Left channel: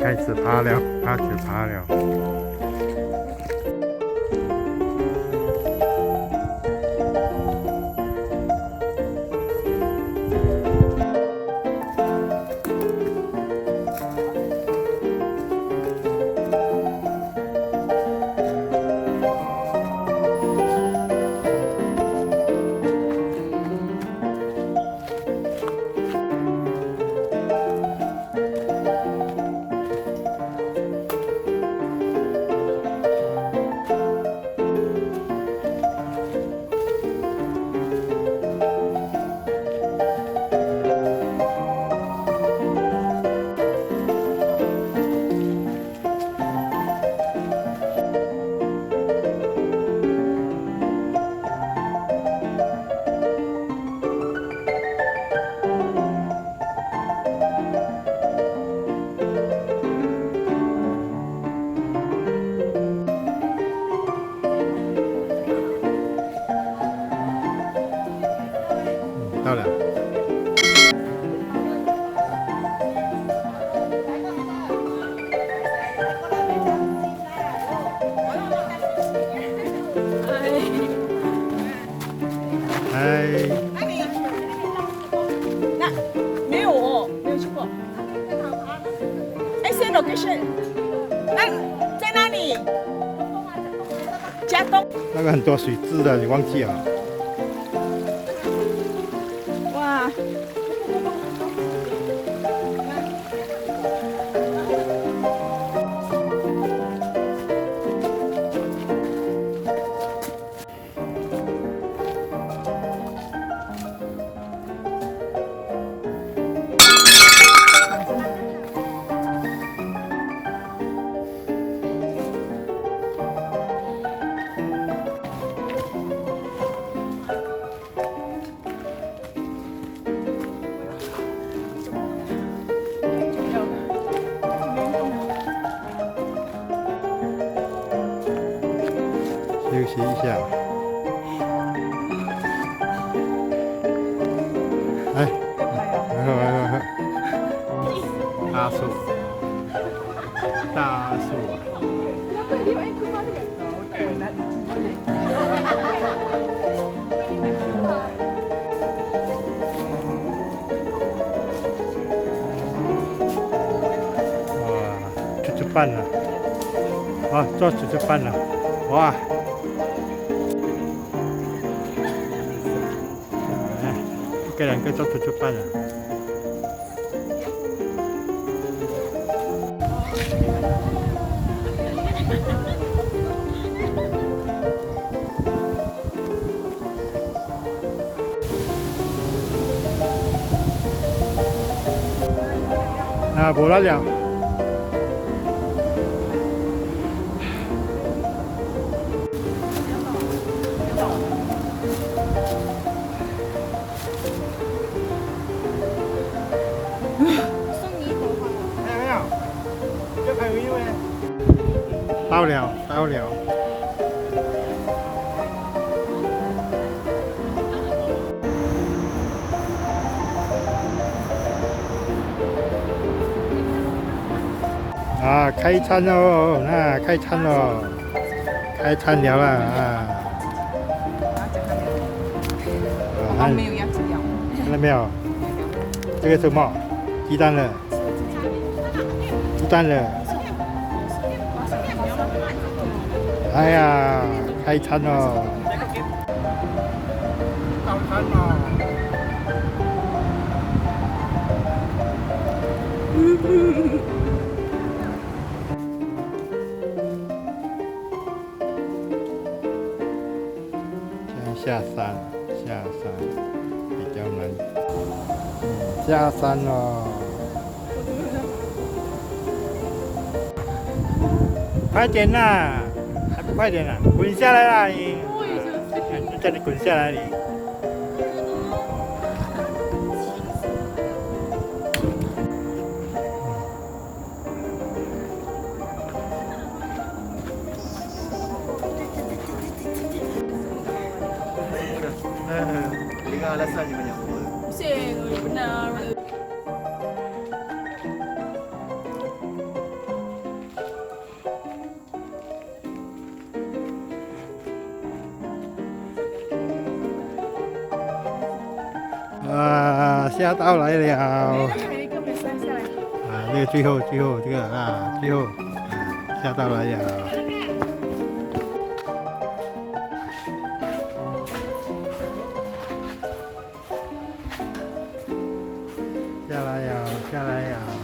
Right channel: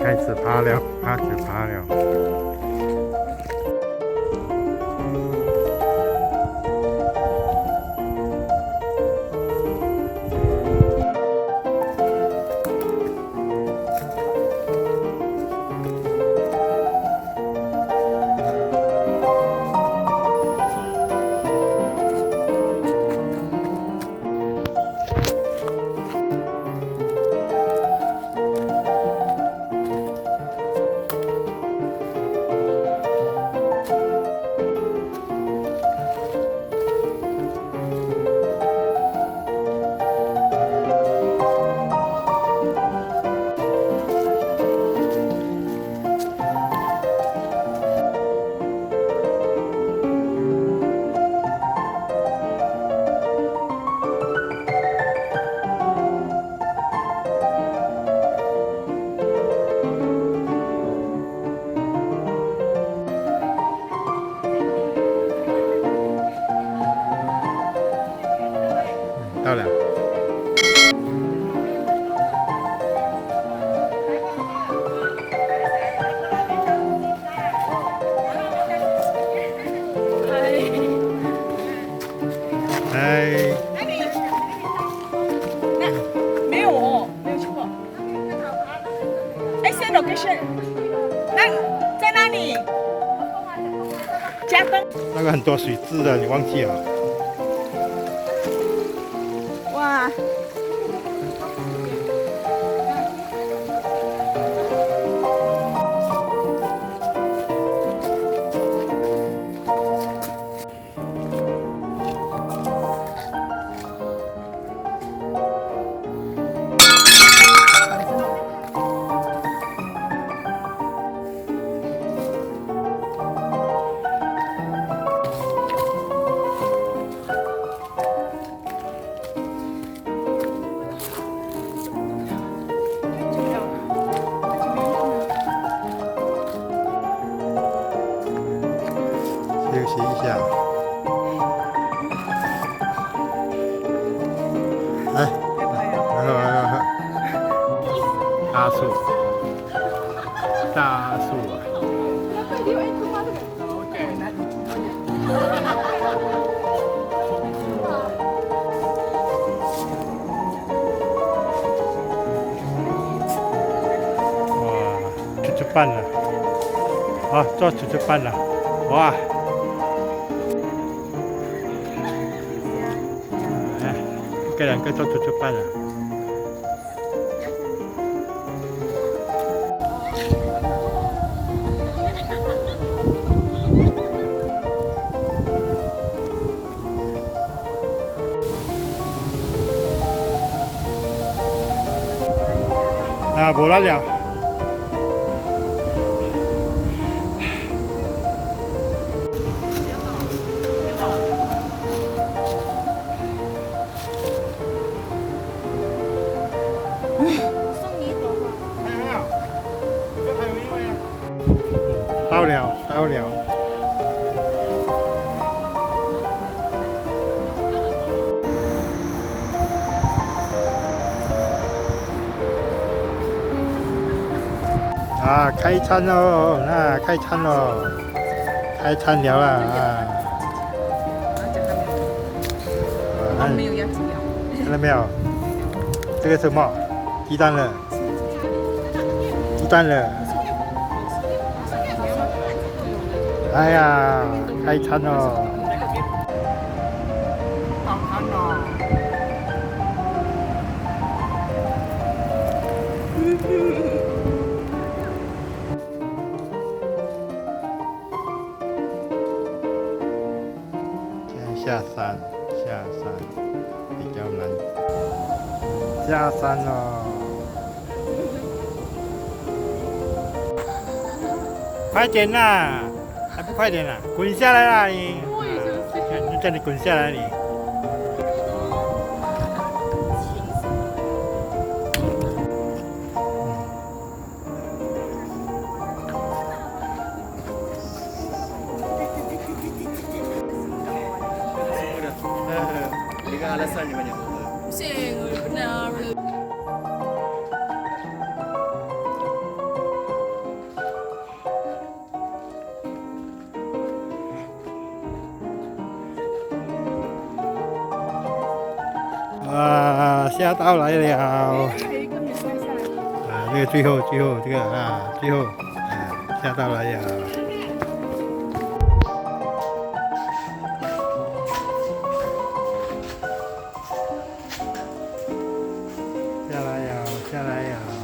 开始爬了，开始爬了。到了。嗨。那没有哦，没有去过。I location， 那在哪里？加东。那个很多水质的，你忘记了？哇！休息一下。哎，来，大树，大树啊！哇，出去办了，啊，做出去办了，哇！一个两个做出去办了。啊，无啦了。到了，到了。啊，开餐喽！那开餐喽，开餐了啊！啊，没有鸭子料。看到没有？这个是什么？鸡蛋了，鸡蛋了。哎呀，开餐喽！好看哦！现在下山比较难。下山了，快点啦！还不快点啦！滚下来啦你！你叫你滚下来你！Dengan alasannya banyak semua. Pusing, benar. 哇，下到来了。还有一个没下下来。啊，这个最后这个啊，最后下到来了。下来了，下来了。